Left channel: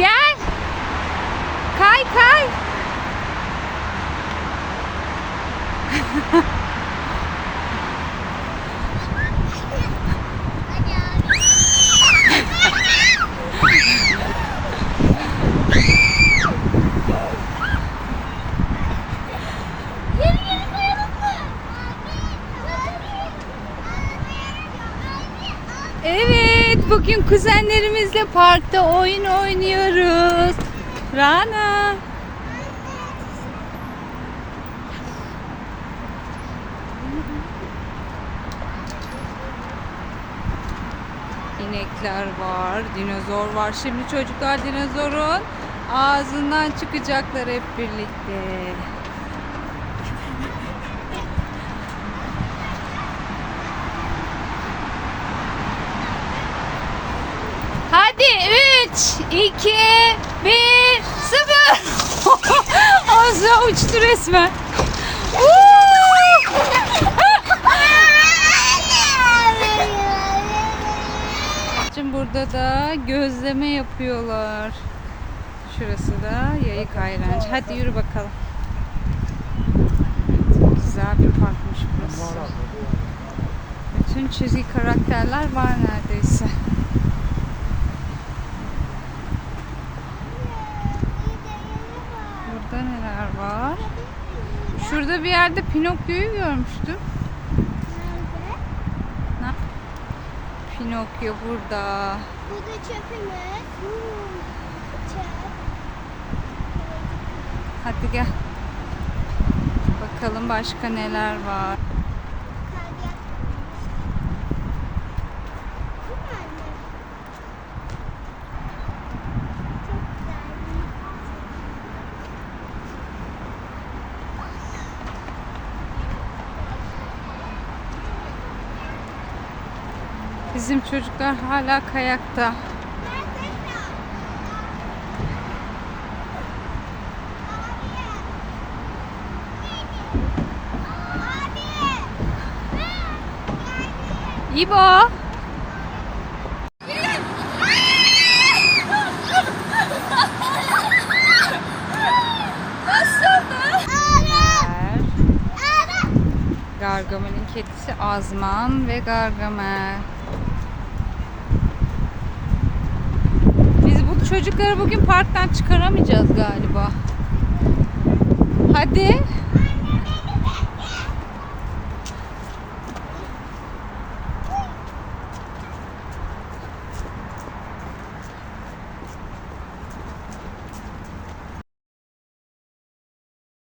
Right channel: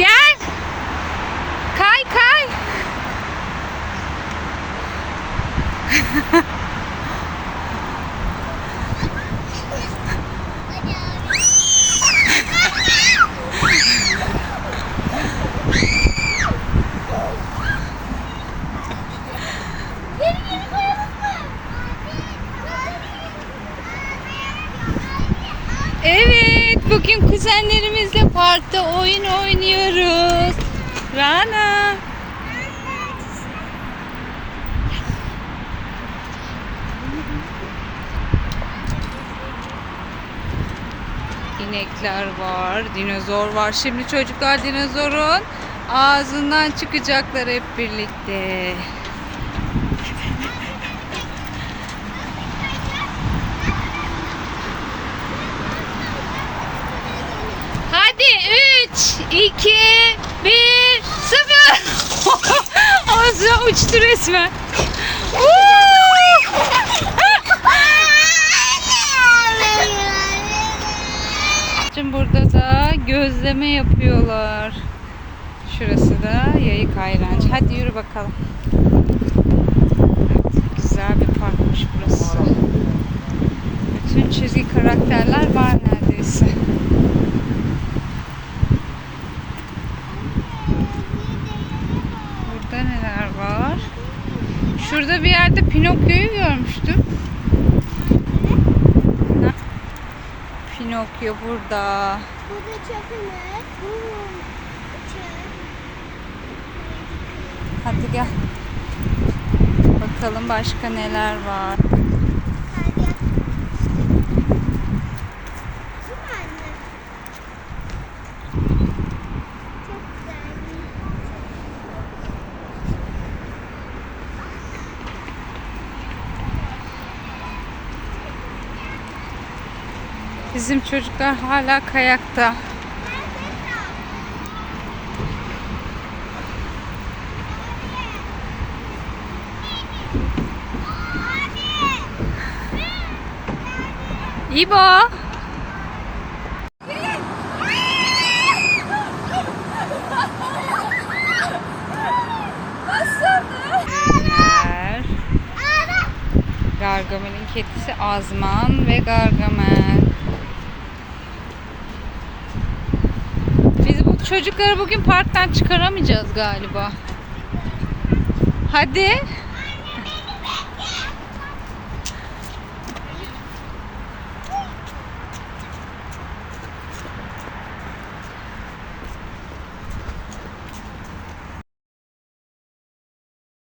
Gel. Kay kay. Evet, bugün kuzenlerimizle parkta oyun oynuyoruz. Rana. İnekler var, dinozor var. Şimdi çocuklar dinozorun ağzından çıkacaklar hep birlikte. Hadi 3, 2, 1, 0. Azra uçtu resmen. Şimdi burada da gözleme yapıyorlar. Şurası da yayık ayrancı. Hadi yürü bakalım. Evet, güzel bir parkmış burası. Bütün çizgi karakterler var neredeyse. Burada neler var? Şurada bir yerde Pinokyo'yu görmüştüm. Ha? Pinokyo burada. Burada çöpümüz. Hmm, çöp. Hadi gel. Bakalım başka neler var. Hadi gel. Bu mu anne? Çok güzel. Bizim çocuklar hala kayakta. İbo. Gargamel'in kedisi Azman ve Gargamel. Biz bu çocukları bugün parktan çıkaramayacağız galiba. Hadi.